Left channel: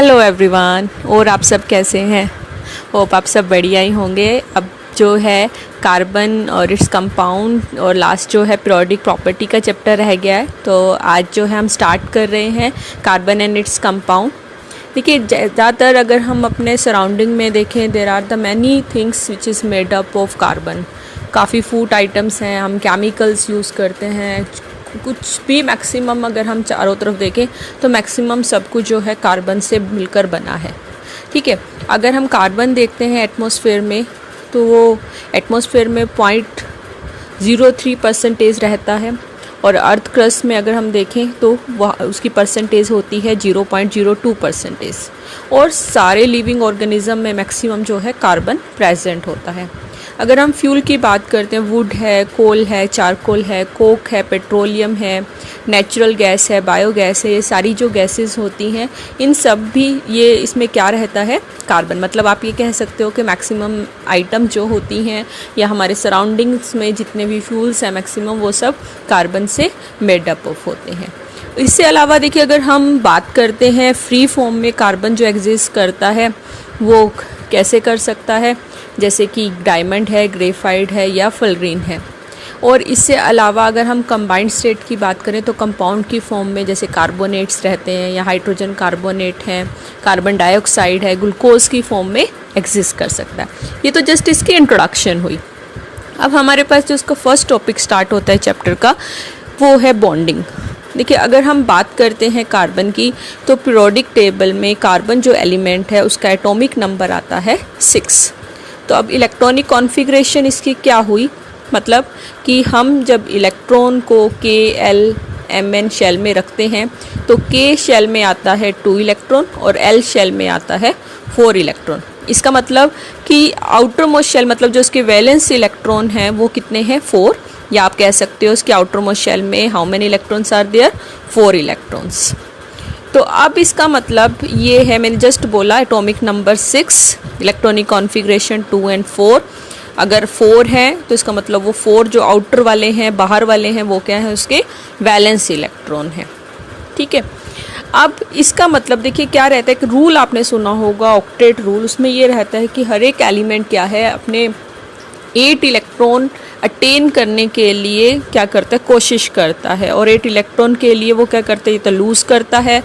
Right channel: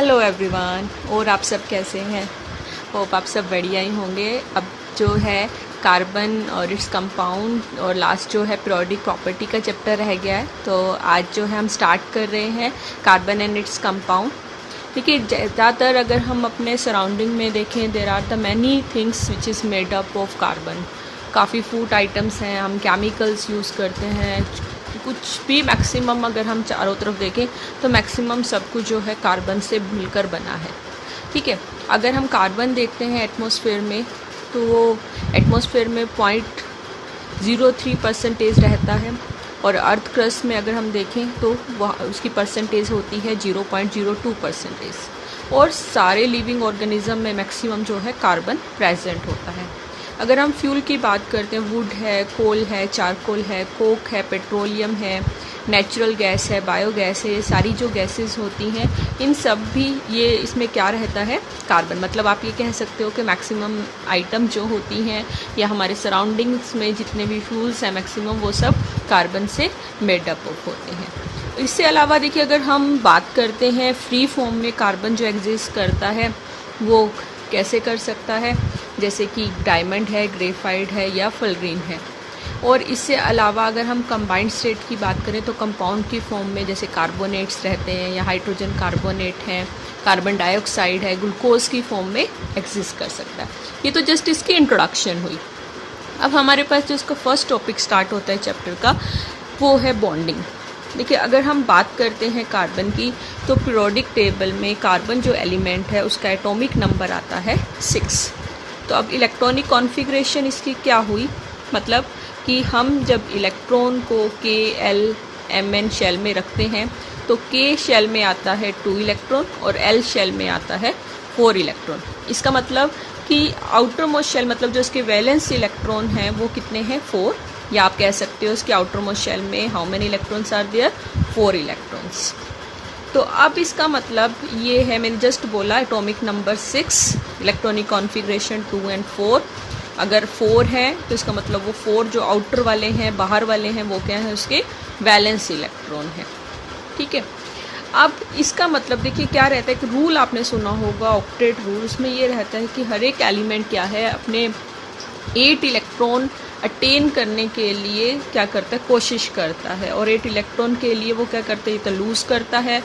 Hello everyone, और आप सब कैसे हैं? होप आप सब बढ़िया ही होंगे। अब जो है कार्बन और इट्स कंपाउंड और लास्ट जो है पीरियोडिक प्रॉपर्टी का चैप्टर रह गया है। तो आज जो है हम स्टार्ट कर रहे हैं कार्बन एंड इट्स कंपाउंड। देखिए, ज़्यादातर अगर हम अपने सराउंडिंग में देखें, there are the many things which is made up of carbon. काफ़ी फूड आइटम्स हैं, हम केमिकल्स यूज़ करते हैं, कुछ भी मैक्सिमम अगर हम चारों तरफ देखें तो मैक्सिमम सब कुछ जो है कार्बन से मिलकर बना है। ठीक है, अगर हम कार्बन देखते हैं एटमॉस्फेयर में तो वो एटमॉस्फेयर में 0.03% रहता है, और अर्थ क्रस्ट में अगर हम देखें तो वह उसकी परसेंटेज होती है 0.02%। और सारे लिविंग ऑर्गेनिज्म में मैक्सिमम जो है कार्बन प्रेजेंट होता है। अगर हम फ्यूल की बात करते हैं, वुड है, कोल है, चारकोल है, कोक है, पेट्रोलियम है, नेचुरल गैस है, बायोगैस है, ये सारी जो गैसेस होती हैं इन सब भी ये इसमें क्या रहता है, कार्बन। मतलब आप ये कह सकते हो कि मैक्सिमम आइटम जो होती हैं या हमारे सराउंडिंग्स में जितने भी फ्यूल्स हैं मैक्सिमम वो सब कार्बन से मेड अप ऑफ होते हैं। इससे अलावा देखिए, अगर हम बात करते हैं फ्री फॉर्म में कार्बन जो एग्जिस्ट करता है वो कैसे कर सकता है, जैसे कि डायमंड है, ग्रेफाइट है या फुलग्रीन है। और इससे अलावा अगर हम कंबाइंड स्टेट की बात करें तो कंपाउंड की फॉर्म में जैसे कार्बोनेट्स रहते हैं या हाइड्रोजन कार्बोनेट है, कार्बन डाइऑक्साइड है, ग्लूकोज की फॉर्म में एग्जिस्ट कर सकता है। ये तो जस्ट इसकी इंट्रोडक्शन हुई। अब हमारे पास जो उसका फर्स्ट टॉपिक स्टार्ट होता है चैप्टर का वो है बॉन्डिंग। देखिए, अगर हम बात करते हैं कार्बन की तो पीरियोडिक टेबल में कार्बन जो एलिमेंट है उसका एटॉमिक नंबर आता है 6। तो अब इलेक्ट्रॉनिक कॉन्फ़िगरेशन इसकी क्या हुई, मतलब कि हम जब इलेक्ट्रॉन को KLMn शेल में रखते हैं तो K शेल में आता है 2 इलेक्ट्रॉन और L शेल में आता है 4 इलेक्ट्रॉन। इसका मतलब कि आउटर मोस्ट शेल, मतलब जो उसके वैलेंस इलेक्ट्रॉन हैं वो कितने हैं, 4। या आप कह सकते हो उसके आउटर मोस्ट शेल में how many electrons are there, 4 electrons. तो अब इसका मतलब ये है, मैंने जस्ट बोला एटॉमिक नंबर 6, इलेक्ट्रॉनिक कॉन्फ़िगरेशन 2 और 4। अगर 4 है तो इसका मतलब वो 4 जो आउटर वाले हैं, बाहर वाले हैं, वो क्या है, उसके वैलेंस इलेक्ट्रॉन है। ठीक है, अब इसका मतलब देखिए क्या रहता है, एक रूल आपने सुना होगा, ऑक्टेट रूल। उसमें ये रहता है कि हर एक एलिमेंट क्या है अपने 8 इलेक्ट्रॉन अटेन करने के लिए क्या करता है, कोशिश करता है। और 8 इलेक्ट्रॉन के लिए वो क्या करता है, या तो लूज़ करता है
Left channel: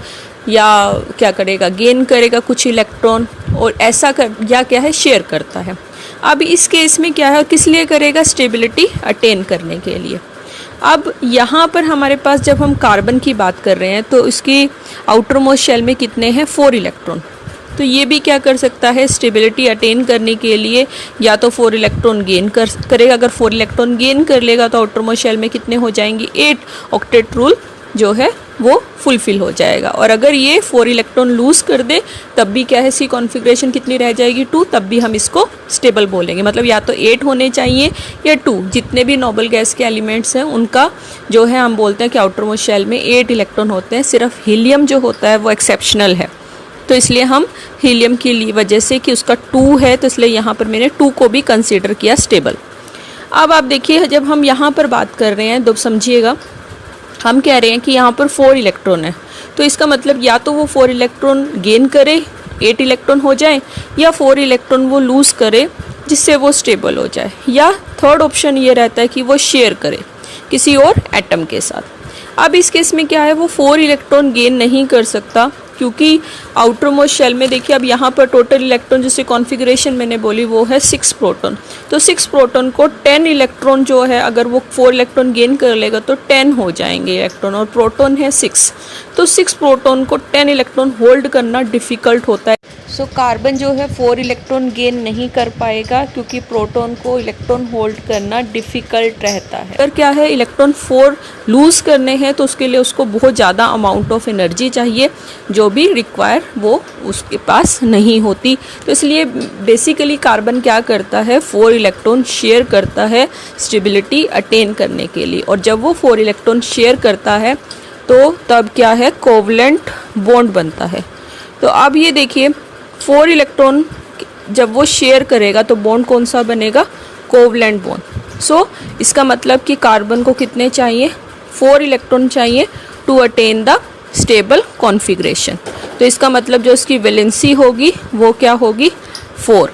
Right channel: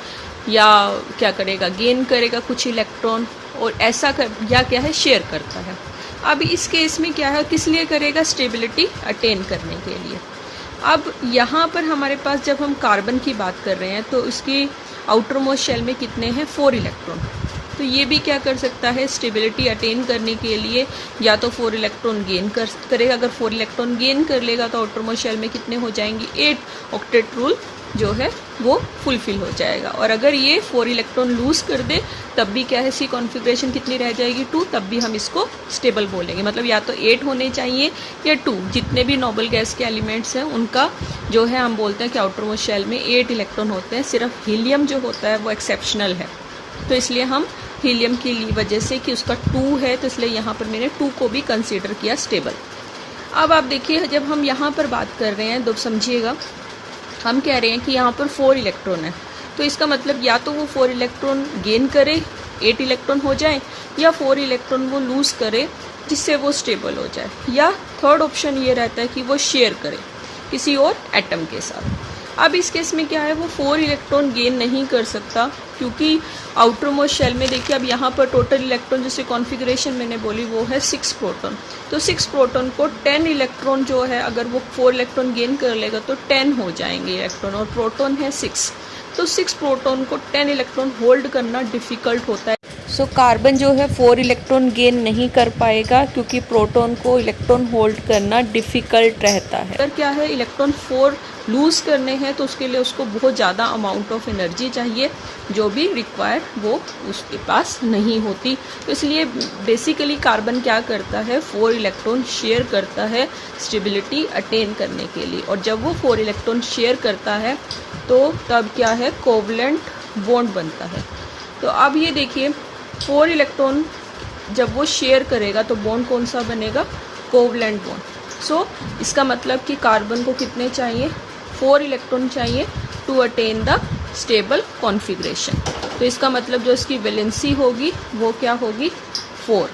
या क्या करेगा, गेन करेगा कुछ इलेक्ट्रॉन, और ऐसा या क्या है, शेयर करता है। अब इस केस में क्या है, किस लिए करेगा, स्टेबिलिटी अटेन करने के लिए। अब यहाँ पर हमारे पास जब हम कार्बन की बात कर रहे हैं तो इसकी आउटर मोस्ट शेल में कितने हैं, 4 इलेक्ट्रॉन। तो ये भी क्या कर सकता है, स्टेबिलिटी अटेन करने के लिए या तो 4 इलेक्ट्रॉन गेन करेगा। अगर 4 इलेक्ट्रॉन गेन कर लेगा तो आउटर मोस्ट शेल में कितने हो जाएंगे, 8। ऑक्टेट रूल जो है वो फुलफिल हो जाएगा। और अगर ये 4 इलेक्ट्रॉन लूज़ कर दे तब भी क्या है, सी कॉन्फ़िगरेशन कितनी रह जाएगी, 2। तब भी हम इसको स्टेबल बोलेंगे। मतलब या तो 8 होने चाहिए या 2। जितने भी नोबल गैस के एलिमेंट्स हैं उनका जो है हम बोलते हैं कि आउटर मोस्ट शेल में 8 इलेक्ट्रॉन होते हैं। सिर्फ हीलियम जो होता है वो एक्सेप्शनल है, तो इसलिए हम हीलियम की वजह से कि उसका 2 है तो इसलिए यहाँ पर मैंने 2 को भी कंसीडर किया स्टेबल। अब आप देखिए, जब हम यहाँ पर बात कर रहे हैं तो समझिएगा, हम कह रहे हैं कि यहाँ पर 4 इलेक्ट्रॉन है, तो इसका मतलब या तो वो 4 इलेक्ट्रॉन गेन करे, 8 इलेक्ट्रॉन हो जाए, या 4 इलेक्ट्रॉन वो लूज़ करे जिससे वो स्टेबल हो जाए, या थर्ड ऑप्शन ये रहता है कि वो शेयर करे किसी और एटम के साथ। अब इस केस में क्या है, वो 4 इलेक्ट्रॉन गेन नहीं कर सकता क्योंकि आउटर मोस्ट शेल में देखिए, अब यहाँ पर टोटल इलेक्ट्रॉन जिससे कॉन्फ़िगरेशन मैंने बोली वो है 6 प्रोटॉन। तो 6 प्रोटॉन को 10 इलेक्ट्रॉन जो है, अगर वो 4 इलेक्ट्रॉन गेन कर लेगा तो 10 हो जाएंगे इलेक्ट्रॉन, और प्रोटॉन है 6। तो 6 प्रोटॉन को 10 इलेक्ट्रॉन होल्ड करना डिफ़िकल्ट होता है। सो कार्बन जो है 4 इलेक्ट्रॉन गेन नहीं कर पाएगा क्योंकि प्रोटॉन को इलेक्ट्रॉन होल्ड करना डिफ़िकल्ट रहता है। अगर क्या है, इलेक्ट्रॉन 4 लूज़ करने हैं तो उसके लिए उसको बहुत ज़्यादा अमाउंट ऑफ एनर्जी चाहिए, जो भी रिक्वायर वो उसके पास नहीं होती। तो इसलिए बेसिकली कार्बन क्या करता है, 4 इलेक्ट्रॉन शेयर करता है स्टेबिलिटी अटेन करने के लिए। और जब वो 4 इलेक्ट्रॉन शेयर करता है तो तब क्या है, कोवलेंट बॉन्ड बनता है। तो अब ये देखिए, 4 इलेक्ट्रॉन जब वो शेयर करेगा तो बॉन्ड कौन सा बनेगा, कोवलेंट बॉन्ड। सो इसका मतलब कि कार्बन को कितने चाहिए, 4 इलेक्ट्रॉन चाहिए to attain the stable configuration. तो इसका मतलब जो इसकी वैलेंसी होगी वो क्या होगी 4।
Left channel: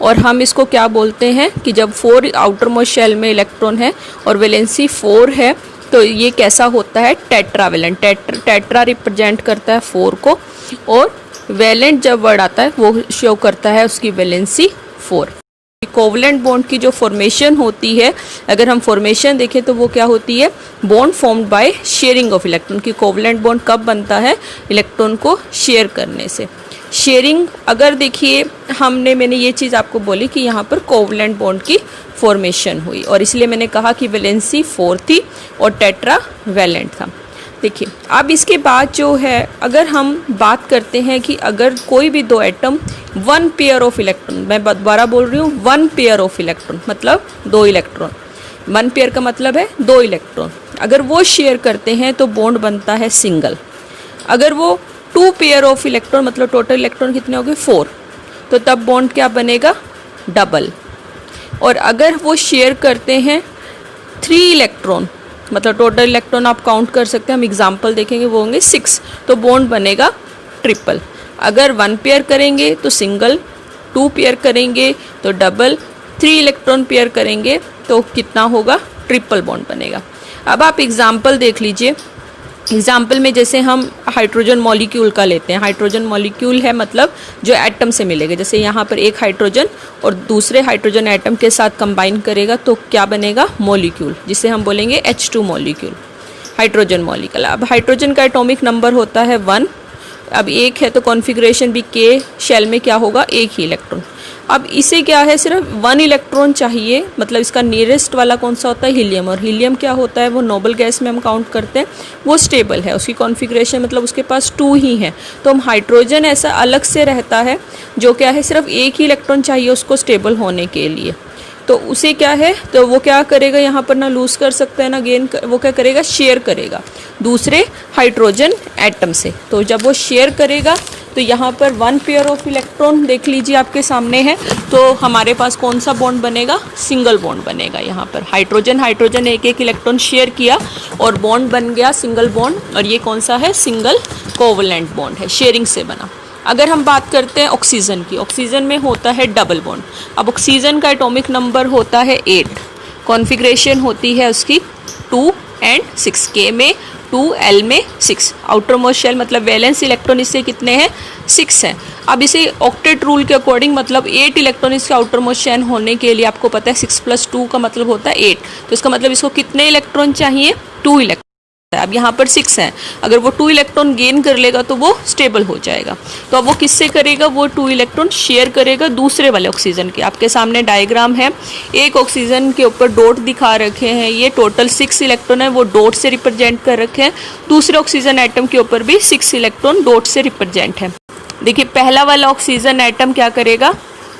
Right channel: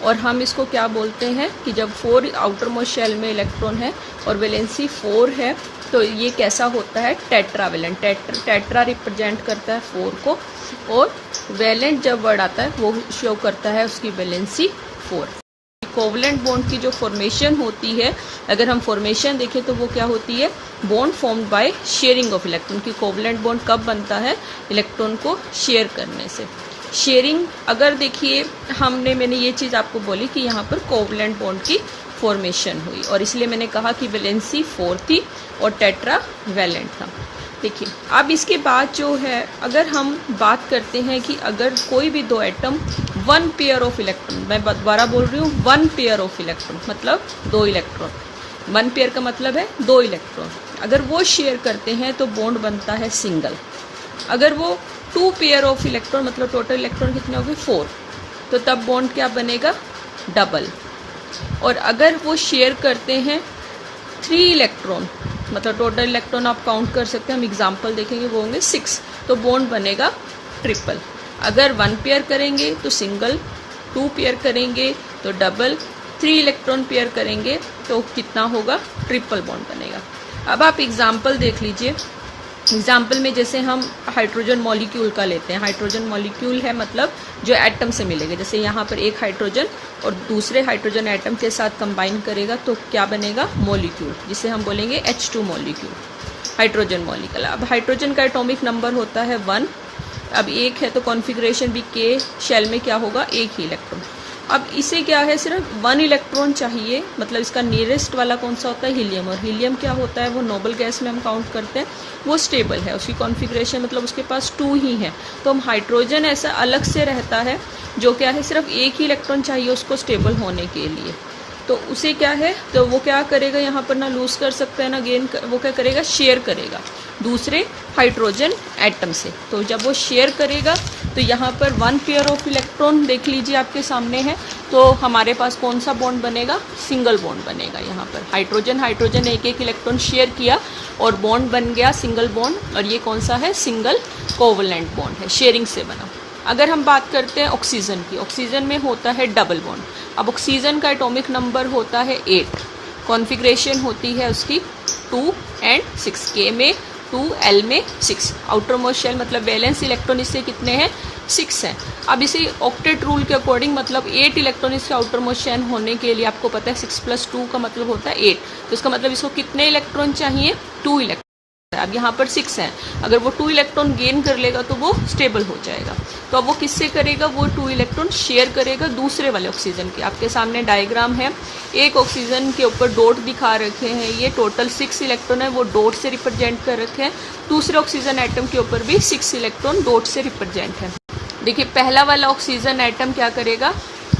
और हम इसको क्या बोलते हैं कि जब 4 आउटर मोस्ट शेल में इलेक्ट्रॉन है और वैलेंसी 4 है तो ये कैसा होता है टेट्रावेलेंट। टेट्रा रिप्रेजेंट करता है 4 को, और वैलेंट जब वर्ड आता है वो शो करता है उसकी वैलेंसी 4। कोवलेंट बॉन्ड की जो फॉर्मेशन होती है, अगर हम फॉर्मेशन देखें तो वो क्या होती है, bond formed by sharing of electron. की कोवलेंट बॉन्ड कब बनता है, इलेक्ट्रॉन को शेयर करने से। शेयरिंग अगर देखिए मैंने ये चीज़ आपको बोली कि यहाँ पर कोवलेंट बॉन्ड की फॉर्मेशन हुई, और इसलिए मैंने कहा कि वैलेंसी 4 थी और टेट्रा वैलेंट था। देखिए अब इसके बाद जो है अगर हम बात करते हैं कि अगर कोई भी दो एटम 1 पेयर ऑफ इलेक्ट्रॉन, मैं दोबारा बोल रही हूँ 1 पेयर ऑफ इलेक्ट्रॉन मतलब 2 इलेक्ट्रॉन, 1 पेयर का मतलब है 2 इलेक्ट्रॉन, अगर वो शेयर करते हैं तो बॉन्ड बनता है सिंगल। अगर वो 2 पेयर ऑफ इलेक्ट्रॉन मतलब टोटल इलेक्ट्रॉन कितने हो गए 4, तो तब बॉन्ड क्या बनेगा डबल। और अगर वो शेयर करते हैं 3 इलेक्ट्रॉन मतलब टोटल इलेक्ट्रॉन आप काउंट कर सकते हैं, हम एग्जांपल देखेंगे वो होंगे 6, तो बॉन्ड बनेगा ट्रिपल। अगर 1 पेयर करेंगे तो सिंगल, 2 पेयर करेंगे तो डबल, 3 इलेक्ट्रॉन पेयर करेंगे तो कितना होगा ट्रिपल बॉन्ड बनेगा। अब आप एग्जांपल देख लीजिए। एग्जाम्पल में जैसे हम हाइड्रोजन मॉलिक्यूल का लेते हैं, हाइड्रोजन मॉलिक्यूल है मतलब जो एटम से मिलेगा, जैसे यहाँ पर एक हाइड्रोजन और दूसरे हाइड्रोजन एटम के साथ कंबाइन करेगा तो क्या बनेगा मॉलिक्यूल, जिसे हम बोलेंगे H2 मॉलिक्यूल, हाइड्रोजन मॉलिक्यूल। अब हाइड्रोजन का एटॉमिक नंबर होता है 1, अब एक है तो कॉन्फ़िगरेशन भी K शेल में क्या होगा एक ही इलेक्ट्रॉन। अब इसे क्या है सिर्फ 1 इलेक्ट्रॉन चाहिए, मतलब इसका नियरेस्ट वाला कौन सा होता है हीलियम, और हीलियम क्या होता है वो नोबल गैस में हम काउंट करते हैं, वो स्टेबल है, उसकी कॉन्फ़िगरेशन मतलब उसके पास 2 ही है। तो हम हाइड्रोजन ऐसा अलग से रहता है जो क्या है सिर्फ एक ही इलेक्ट्रॉन चाहिए उसको स्टेबल होने के लिए, तो उसे क्या है तो वो क्या करेगा यहाँ पर ना लूज़ कर सकता है ना गेन, वो क्या करेगा शेयर करेगा दूसरे हाइड्रोजन एटम से। तो जब वो शेयर करेगा तो यहाँ पर 1 पेयर ऑफ इलेक्ट्रॉन देख लीजिए आपके सामने है, तो हमारे पास कौन सा बॉन्ड बनेगा सिंगल बॉन्ड बनेगा। यहाँ पर हाइड्रोजन एक एक इलेक्ट्रॉन शेयर किया और बॉन्ड बन गया सिंगल बॉन्ड, और ये कौन सा है सिंगल कोवलेंट बॉन्ड है, शेयरिंग से बना। अगर हम बात करते हैं ऑक्सीजन की, ऑक्सीजन में होता है डबल बॉन्ड। अब ऑक्सीजन का एटॉमिक नंबर होता है 8, कॉन्फ़िगरेशन होती है उसकी 2 and 6, K में 2, L में 6, आउटर मोस्ट शेल मतलब वैलेंस इलेक्ट्रॉन इससे कितने हैं 6 हैं। अब इसे ऑक्टेट रूल के अकॉर्डिंग मतलब 8 इलेक्ट्रॉन इसके आउटर मोस्ट शेल होने के लिए आपको पता है 6 + 2 का मतलब होता है 8, तो इसका मतलब इसको कितने इलेक्ट्रॉन चाहिए 2 इलेक्ट्रॉन। अब यहाँ पर 6 हैं, अगर वो 2 इलेक्ट्रॉन गेन कर लेगा तो वो स्टेबल हो जाएगा। तो अब वो किससे करेगा, वो 2 इलेक्ट्रॉन शेयर करेगा दूसरे वाले ऑक्सीजन के। आपके सामने डायग्राम है, एक ऑक्सीजन के ऊपर डॉट दिखा रखे हैं, ये टोटल 6 इलेक्ट्रॉन है वो डॉट से रिप्रेजेंट कर रखे हैं, दूसरे ऑक्सीजन एटम के ऊपर भी 6 इलेक्ट्रॉन डॉट से रिप्रेजेंट है। देखिए पहला वाला ऑक्सीजन एटम क्या करेगा,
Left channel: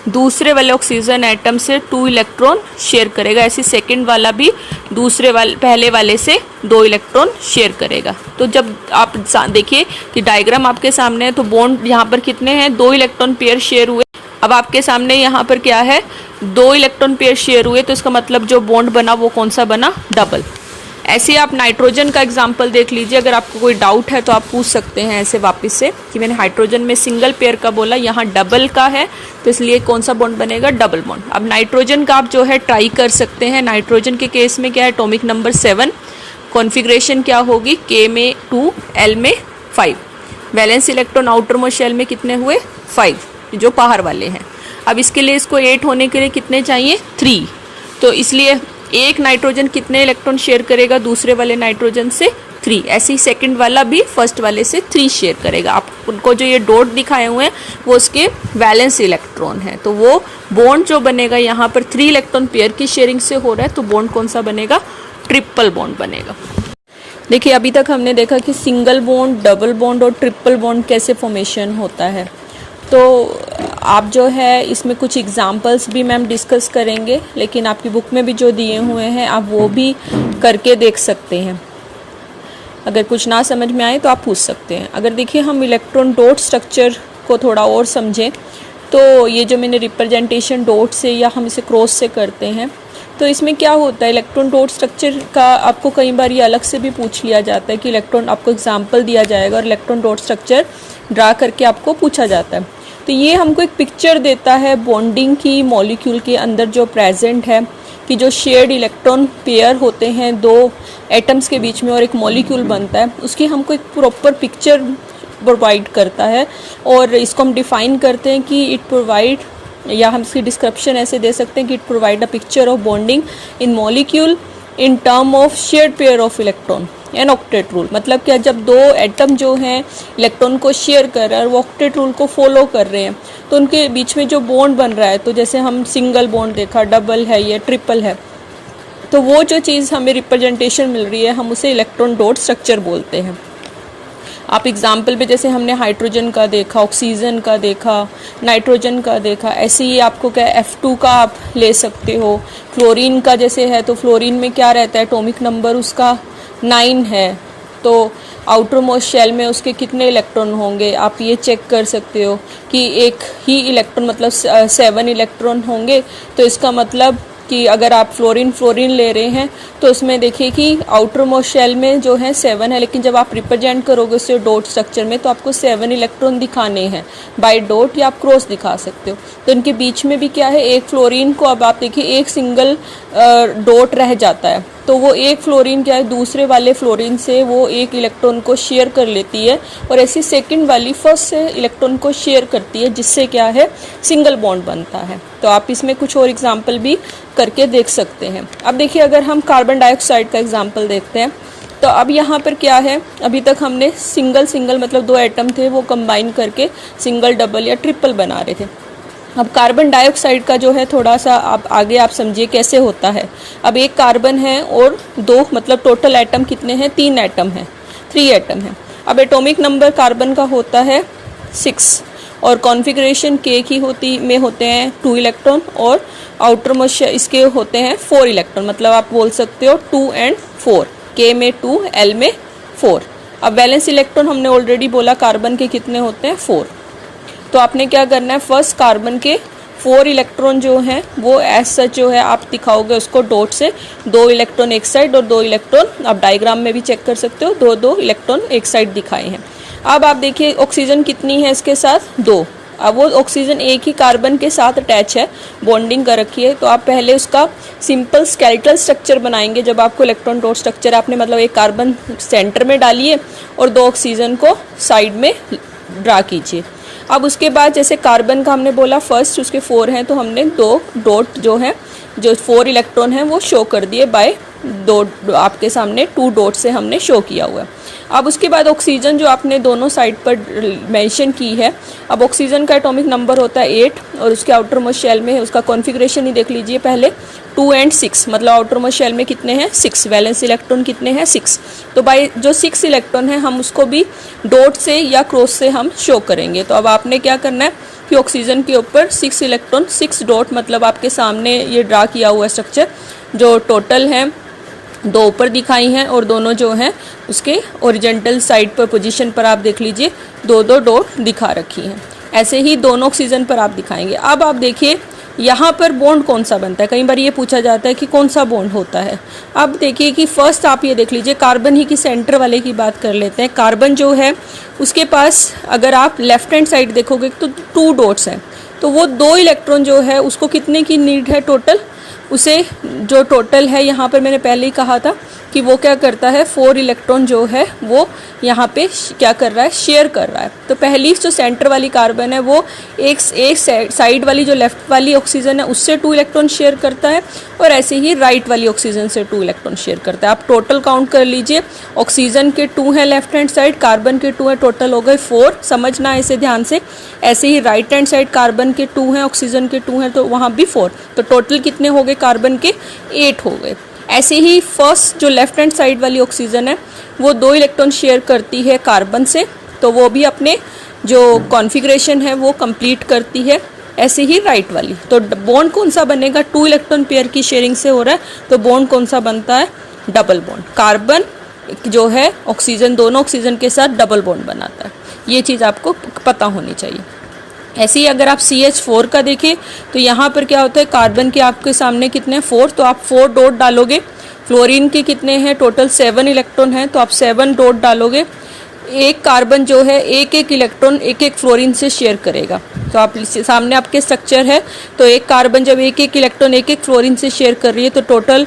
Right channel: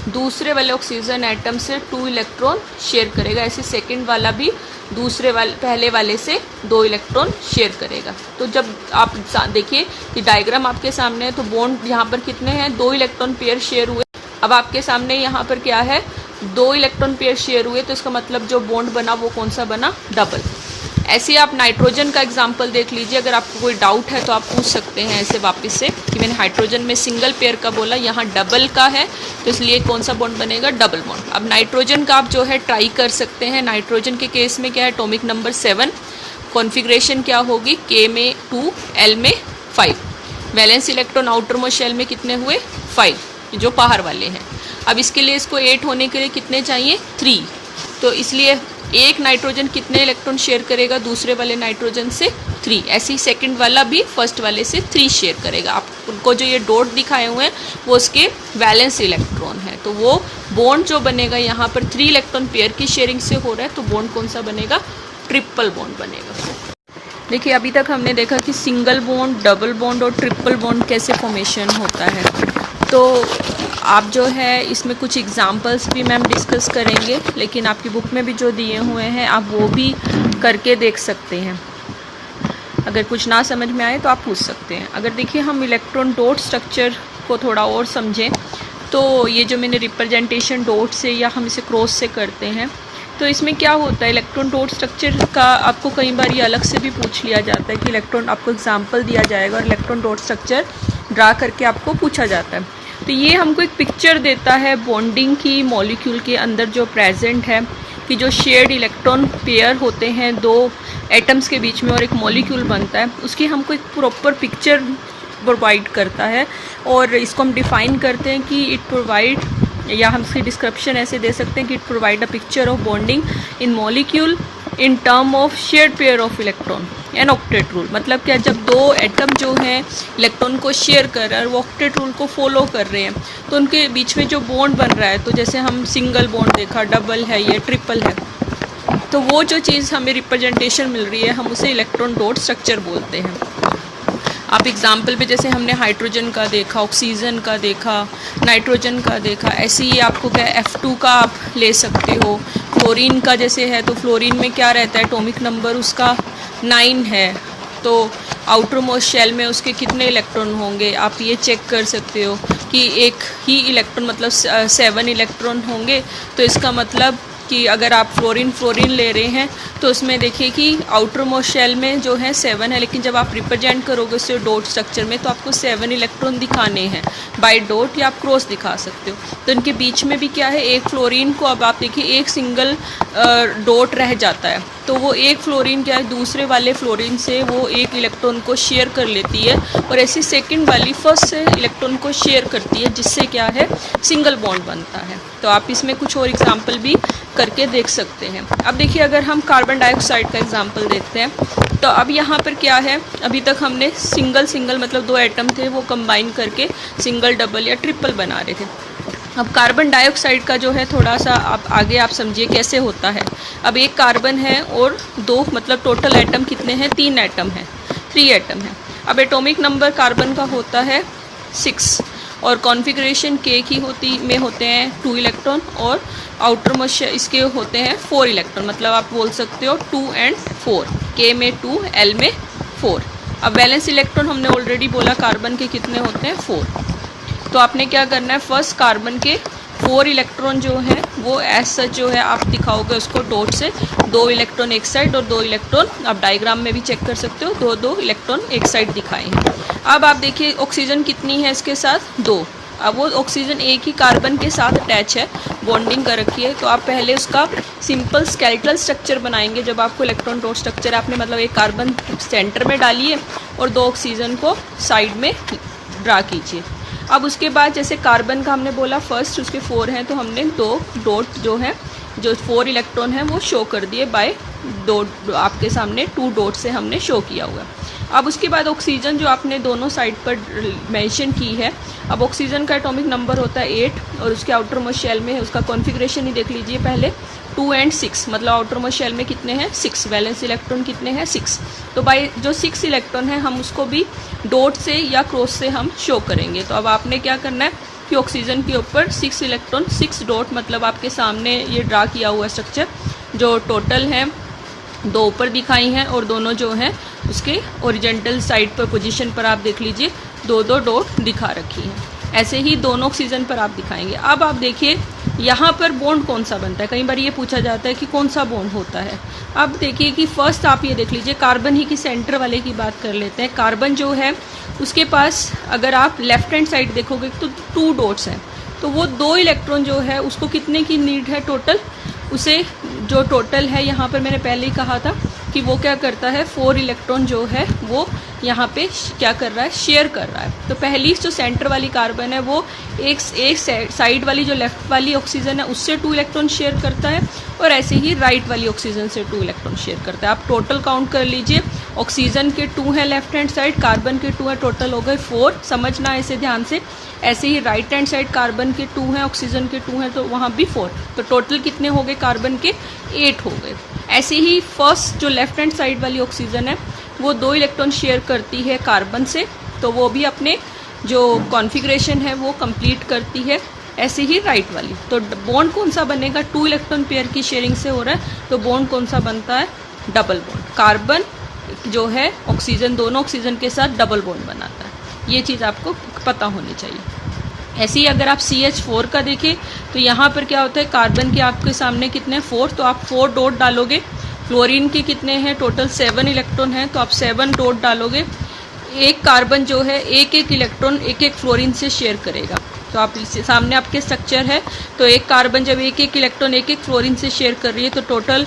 दूसरे वाले ऑक्सीजन एटम से 2 इलेक्ट्रॉन शेयर करेगा, ऐसे सेकंड वाला भी पहले वाले से 2 इलेक्ट्रॉन शेयर करेगा। तो जब आप देखिए कि डायग्राम आपके सामने है तो बॉन्ड यहाँ पर कितने हैं 2 इलेक्ट्रॉन पेयर शेयर हुए। अब आपके सामने यहाँ पर क्या है 2 इलेक्ट्रॉन पेयर शेयर हुए, तो इसका मतलब जो बॉन्ड बना वो कौन सा बना डबल। ऐसे आप नाइट्रोजन का एग्जाम्पल देख लीजिए, अगर आपको कोई डाउट है तो आप पूछ सकते हैं ऐसे वापस से कि मैंने हाइड्रोजन में सिंगल पेयर का बोला, यहाँ डबल का है तो इसलिए कौन सा बॉन्ड बनेगा डबल बॉन्ड। अब नाइट्रोजन का आप जो है ट्राई कर सकते हैं। नाइट्रोजन के केस में क्या है एटॉमिक नंबर 7, कॉन्फ़िगरेशन क्या होगी K में 2, L में 5, valence electron outermost shell में कितने हुए 5 जो बाहर वाले हैं। अब इसके लिए इसको 8 होने के लिए कितने चाहिए 3, तो इसलिए एक नाइट्रोजन कितने इलेक्ट्रॉन शेयर करेगा दूसरे वाले नाइट्रोजन से 3, ऐसे ही सेकंड वाला भी फर्स्ट वाले से 3 शेयर करेगा। आप उनको जो ये डॉट दिखाए हुए हैं वो उसके वैलेंस इलेक्ट्रॉन है, तो वो बॉन्ड जो बनेगा यहाँ पर 3 इलेक्ट्रॉन पेयर की शेयरिंग से हो रहा है, तो बॉन्ड कौन सा बनेगा ट्रिपल बॉन्ड बनेगा। देखिए अभी तक हमने देखा कि सिंगल बॉन्ड, डबल बॉन्ड और ट्रिपल बॉन्ड कैसे फॉर्मेशन होता है। तो आप जो है इसमें कुछ एग्जांपल्स भी मैम डिस्कस करेंगे, लेकिन आपकी बुक में भी जो दिए हुए हैं आप वो भी करके देख सकते हैं। अगर कुछ ना समझ में आए तो आप पूछ सकते हैं। अगर देखिए हम इलेक्ट्रॉन डॉट स्ट्रक्चर को थोड़ा और समझें तो ये जो मैंने रिप्रेजेंटेशन डॉट से या हम इसे क्रॉस से करते हैं, तो इसमें क्या होता है इलेक्ट्रॉन डॉट स्ट्रक्चर का आपको कई बार ये अलग से भी पूछ लिया जाता है कि इलेक्ट्रॉन, आपको एग्जांपल दिया जाएगा और इलेक्ट्रॉन डॉट स्ट्रक्चर ड्रा करके आपको पूछा जाता है। तो ये हमको एक पिक्चर देता है बॉन्डिंग की मॉलिक्यूल के अंदर जो प्रेजेंट है, कि जो शेयर्ड इलेक्ट्रॉन पेयर होते हैं दो एटम्स के बीच में और एक मॉलिक्यूल बनता है, उसकी हमको एक प्रॉपर पिक्चर प्रोवाइड करता है। और इसको हम डिफ़ाइन करते हैं कि इट प्रोवाइड, या हम इसकी डिस्क्रिप्शन ऐसे दे सकते हैं कि it provide a picture of bonding in molecule in term of shared pair of electron and octet rule. मतलब क्या, जब दो एटम जो हैं इलेक्ट्रॉन को शेयर कर रहे हैं और वो ऑक्टेट रूल को फॉलो कर रहे हैं, तो उनके बीच में जो बॉन्ड बन रहा है, तो जैसे हम सिंगल बॉन्ड देखा, डबल है, ये ट्रिपल है, तो वो जो चीज़ हमें रिप्रेजेंटेशन मिल रही है हम उसे इलेक्ट्रॉन डॉट स्ट्रक्चर बोलते हैं। आप एग्जाम्पल पे जैसे हमने हाइड्रोजन का देखा, ऑक्सीजन का देखा, नाइट्रोजन का देखा, ऐसे ही आपको क्या F2 का आप ले सकते हो। फ्लोरीन का जैसे है, तो फ्लोरीन में क्या रहता है, एटॉमिक नंबर उसका 9 है, तो आउटर मोस्ट शेल में उसके कितने इलेक्ट्रॉन होंगे आप ये चेक कर सकते हो कि एक ही इलेक्ट्रॉन मतलब 7 इलेक्ट्रॉन होंगे। तो इसका मतलब कि अगर आप फ्लोरीन ले रहे हैं तो उसमें देखिए कि आउटर मोस्ट शेल में जो है 7 है, लेकिन जब आप रिप्रेजेंट करोगे उससे डॉट स्ट्रक्चर में तो आपको 7 इलेक्ट्रॉन दिखाने हैं बाय डॉट, या आप क्रॉस दिखा सकते हो। तो इनके बीच में भी क्या है, एक फ्लोरीन को अब आप देखिए एक सिंगल डॉट रह जाता है, तो वो एक फ्लोरीन क्या है दूसरे वाले फ्लोरीन से वो एक इलेक्ट्रॉन को शेयर कर लेती है और ऐसे सेकंड वाली फर्स्ट से इलेक्ट्रॉन को शेयर करती है, जिससे क्या है सिंगल बॉन्ड बनता है। तो आप इसमें कुछ और एग्जांपल भी करके देख सकते हैं। अब देखिए अगर हम कार्बन डाइऑक्साइड का एग्जांपल देखते हैं, तो अब यहाँ पर क्या है, अभी तक हमने सिंगल मतलब दो एटम थे वो कंबाइन करके सिंगल, डबल या ट्रिपल बना रहे थे। अब कार्बन डाइऑक्साइड का जो है थोड़ा सा आप आगे आप समझिए कैसे होता है। अब एक कार्बन है और दो मतलब टोटल एटम कितने हैं, 3 एटम हैं, 3 एटम हैं। अब एटॉमिक नंबर कार्बन का होता है 6 और कॉन्फ़िगरेशन के की होते हैं 2 इलेक्ट्रॉन और आउटर मोस्ट इसके होते हैं 4 इलेक्ट्रॉन, मतलब आप बोल सकते हो 2 और 4, के में 2, एल में 4। अब वैलेंस इलेक्ट्रॉन हमने ऑलरेडी बोला कार्बन के कितने होते हैं 4। तो आपने क्या करना है, फर्स्ट कार्बन के 4 इलेक्ट्रॉन जो हैं वो एज सच जो है आप दिखाओगे उसको डॉट से, 2 इलेक्ट्रॉन एक साइड और 2 इलेक्ट्रॉन, आप डायग्राम में भी चेक कर सकते हो, 2 इलेक्ट्रॉन एक साइड दिखाए हैं। अब आप देखिए ऑक्सीजन कितनी है इसके साथ, 2। अब वो ऑक्सीजन एक ही कार्बन के साथ अटैच है, बॉन्डिंग कर रखी है, तो आप पहले उसका सिंपल स्केलेटल स्ट्रक्चर बनाएंगे। जब आपको इलेक्ट्रॉन डॉट स्ट्रक्चर आपने मतलब एक कार्बन सेंटर में डालिए और 2 ऑक्सीजन को साइड में ड्रा कीजिए। अब उसके बाद जैसे कार्बन का हमने बोला फर्स्ट उसके 4 हैं, तो हमने 2 डॉट जो है जो 4 इलेक्ट्रॉन हैं वो शो कर दिए बाय 2 आपके सामने 2 डॉट से हमने शो किया हुआ है। अब उसके बाद ऑक्सीजन जो आपने दोनों साइड पर मेंशन की है, अब ऑक्सीजन का एटॉमिक नंबर होता है 8 और उसके आउटर मोस्ट शेल में उसका कॉन्फ़िगरेशन ही देख लीजिए पहले, 2 और 6, मतलब आउटर मोस्ट शेल में कितने हैं 6, वैलेंस इलेक्ट्रॉन कितने हैं 6। तो बाय जो 6 इलेक्ट्रॉन है हम उसको भी डॉट से या क्रॉस से हम शो करेंगे। तो अब आपने क्या करना है कि ऑक्सीजन के ऊपर 6 इलेक्ट्रॉन 6 डॉट, मतलब आपके सामने ये ड्रा किया हुआ स्ट्रक्चर जो टोटल है 2 ऊपर दिखाई हैं और दोनों जो हैं उसके ओरिजेंटल साइड पर पोजीशन पर आप देख लीजिए 2 डॉट दिखा रखी हैं। ऐसे ही दोनों ऑक्सीजन पर आप दिखाएंगे। अब आप देखिए यहाँ पर बॉन्ड कौन सा बनता है, कई बार ये पूछा जाता है कि कौन सा बॉन्ड होता है। अब देखिए कि फर्स्ट आप ये देख लीजिए कार्बन ही की सेंटर वाले की बात कर लेते हैं। कार्बन जो है उसके पास अगर आप लेफ्ट हैंड साइड देखोगे तो 2 डॉट्स हैं, तो वो 2 इलेक्ट्रॉन जो है उसको कितने की नीड है टोटल, उसे जो टोटल है यहाँ पर मैंने पहले ही कहा था कि वो क्या करता है 4 इलेक्ट्रॉन जो है वो यहाँ पे क्या कर रहा है, शेयर कर रहा है। तो पहली जो सेंटर वाली कार्बन है वो एक साइड वाली जो लेफ्ट वाली ऑक्सीजन है उससे 2 इलेक्ट्रॉन शेयर करता है और ऐसे ही राइट वाली ऑक्सीजन से 2 इलेक्ट्रॉन शेयर करता है। आप टोटल काउंट कर लीजिए, ऑक्सीजन के 2 हैं लेफ्ट हैंड साइड, कार्बन के 2 हैं, टोटल हो गए 4। समझना ऐसे ध्यान से। ऐसे ही राइट हैंड साइड कार्बन के 2 हैं, ऑक्सीजन के 2 हैं, तो वहाँ भी 4, तो टोटल कितने हो गए कार्बन के 8 हो गए। ऐसे ही फर्स्ट जो लेफ्ट हैंड साइड वाली ऑक्सीजन है वो 2 इलेक्ट्रॉन शेयर करती है कार्बन से, तो वो भी अपने जो कॉन्फ़िगरेशन है वो कंप्लीट करती है। ऐसे ही राइट वाली, तो बॉन्ड कौन सा बनेगा, 2 इलेक्ट्रॉन पेयर की शेयरिंग से हो रहा है, तो बॉन्ड कौन सा बनता है, डबल बॉन्ड। कार्बन जो है ऑक्सीजन, दोनों ऑक्सीजन के साथ डबल बॉन्ड बनाता है, ये चीज़ आपको पता होनी चाहिए। ऐसे ही अगर आप CH4 का देखें तो यहाँ पर क्या होता है, कार्बन के आपके सामने कितने 4, तो आप 4 डॉट डालोगे। फ्लोरीन के कितने हैं टोटल 7 इलेक्ट्रॉन हैं, तो आप 7 डॉट डालोगे। एक कार्बन जो है एक एक इलेक्ट्रॉन एक एक फ्लोरीन से शेयर करेगा। तो आप सामने आपके स्ट्रक्चर है, तो एक कार्बन जब एक एक इलेक्ट्रॉन एक एक फ्लोरीन से शेयर कर रही है तो टोटल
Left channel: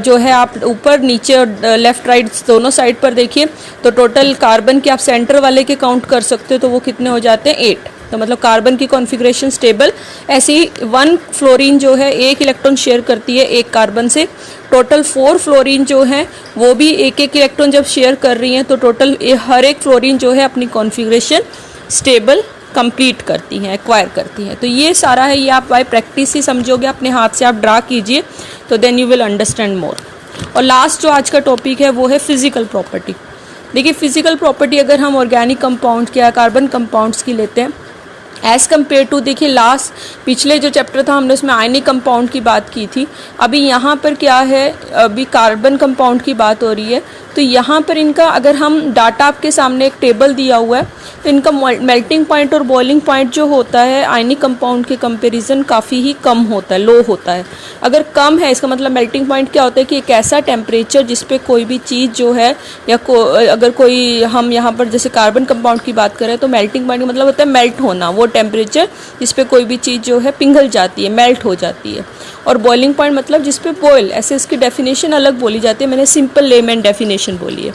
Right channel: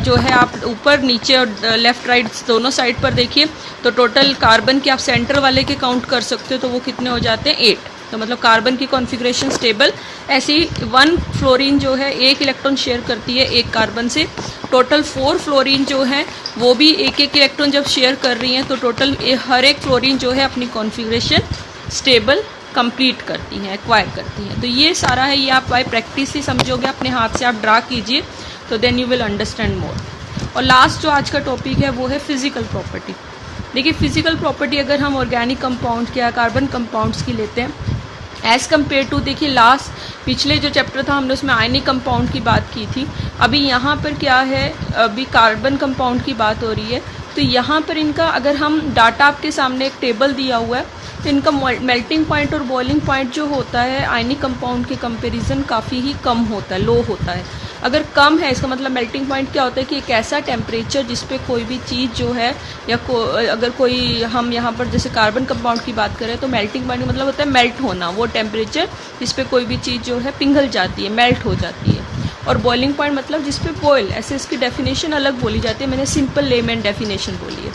जो है आप ऊपर नीचे और लेफ्ट राइट दोनों साइड पर देखिए, तो टोटल कार्बन के आप सेंटर वाले के काउंट कर सकते हो, तो वो कितने हो जाते हैं 8। तो मतलब कार्बन की कॉन्फ़िगरेशन स्टेबल। ऐसे ही 1 फ्लोरीन जो है एक इलेक्ट्रॉन शेयर करती है एक कार्बन से। टोटल 4 फ्लोरीन जो है वो भी एक एक इलेक्ट्रॉन जब शेयर कर रही हैं तो टोटल हर एक फ्लोरीन जो है अपनी कॉन्फ़िगरेशन स्टेबल कंप्लीट करती हैं, एक्वायर करती हैं। तो ये सारा है, ये आप बाय प्रैक्टिस ही समझोगे, अपने हाथ से आप ड्रा कीजिए तो then you will understand more. और लास्ट जो आज का टॉपिक है वो है फिजिकल प्रॉपर्टी। देखिए फिजिकल प्रॉपर्टी अगर हम ऑर्गेनिक कंपाउंड या कार्बन कंपाउंड्स की लेते हैं एज़ कम्पेयर टू, देखिए लास्ट पिछले जो चैप्टर था हमने उसमें आयनिक कंपाउंड की बात की थी, अभी यहाँ पर क्या है, अभी कार्बन कंपाउंड की बात हो रही है। तो यहाँ पर इनका अगर हम डाटा आपके सामने एक टेबल दिया हुआ है तो इनका मेल्टिंग पॉइंट और बॉइलिंग पॉइंट जो होता है आयनिक कंपाउंड के कंपैरिजन काफ़ी ही कम होता है, लो होता है। अगर कम है इसका मतलब मेल्टिंग पॉइंट क्या होता है कि एक ऐसा टेम्परेचर जिस पे कोई भी चीज़ जो है या अगर कोई हम यहाँ पर जैसे कार्बन कंपाउंड की बात करें तो मेल्टिंग पॉइंट का मतलब होता है मेल्ट होना, वो टेम्परेचर जिस पे कोई भी चीज़ जो है पिघल जाती है, मेल्ट हो जाती है। और बॉइलिंग पॉइंट मतलब जिस पे बॉयल, ऐसे इसकी डेफिनेशन अलग बोली जाती है, मैंने सिंपल लेमैन डेफिनेशन बोली है।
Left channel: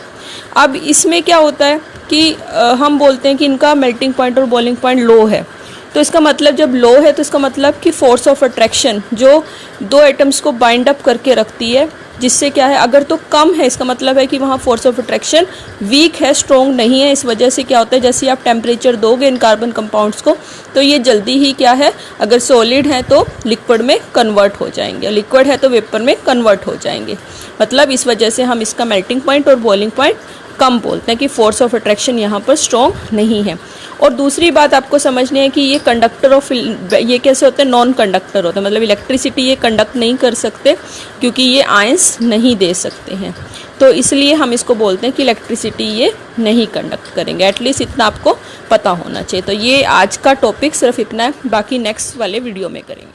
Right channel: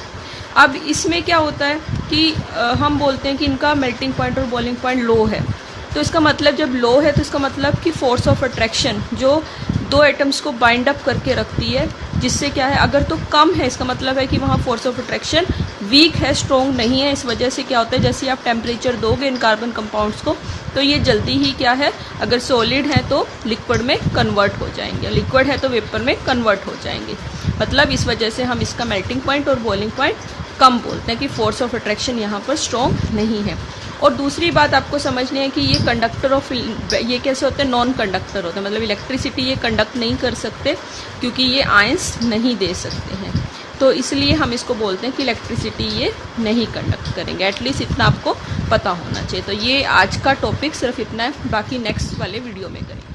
अब इसमें क्या होता है कि हम बोलते हैं कि इनका मेल्टिंग पॉइंट और बॉइलिंग पॉइंट लो है, तो इसका मतलब जब लो है तो इसका मतलब कि फोर्स ऑफ अट्रैक्शन जो 2 एटम्स को बाइंड अप करके रखती है, जिससे क्या है, अगर तो कम है इसका मतलब है कि वहाँ फोर्स ऑफ अट्रैक्शन वीक है, स्ट्रॉन्ग नहीं है। इस वजह से क्या होता है, जैसे आप टेम्परेचर दोगे इन कार्बन कंपाउंड्स को तो ये जल्दी ही क्या है, अगर सॉलिड है तो लिक्विड में कन्वर्ट हो जाएंगे, लिक्विड है तो वेपर में कन्वर्ट हो जाएंगे। मतलब इस वजह से हम इसका मेल्टिंग पॉइंट और बॉइलिंग पॉइंट कम बोलते हैं कि फोर्स ऑफ अट्रैक्शन यहाँ पर स्ट्रॉन्ग नहीं है। और दूसरी बात आपको समझनी है कि ये कंडक्टर ऑफ, ये कैसे होते हैं, नॉन कंडक्टर होते हैं, मतलब इलेक्ट्रिसिटी ये कंडक्ट नहीं कर सकते क्योंकि ये आयंस नहीं दे सकते हैं। तो इसलिए हम इसको बोलते हैं कि इलेक्ट्रिसिटी ये नहीं कंडक्ट करेंगे। एटलीस्ट इतना आपको पता होना चाहिए। तो ये आज का टॉपिक सिर्फ इतना है, बाकी नेक्स्ट वाले वीडियो में करेंगे।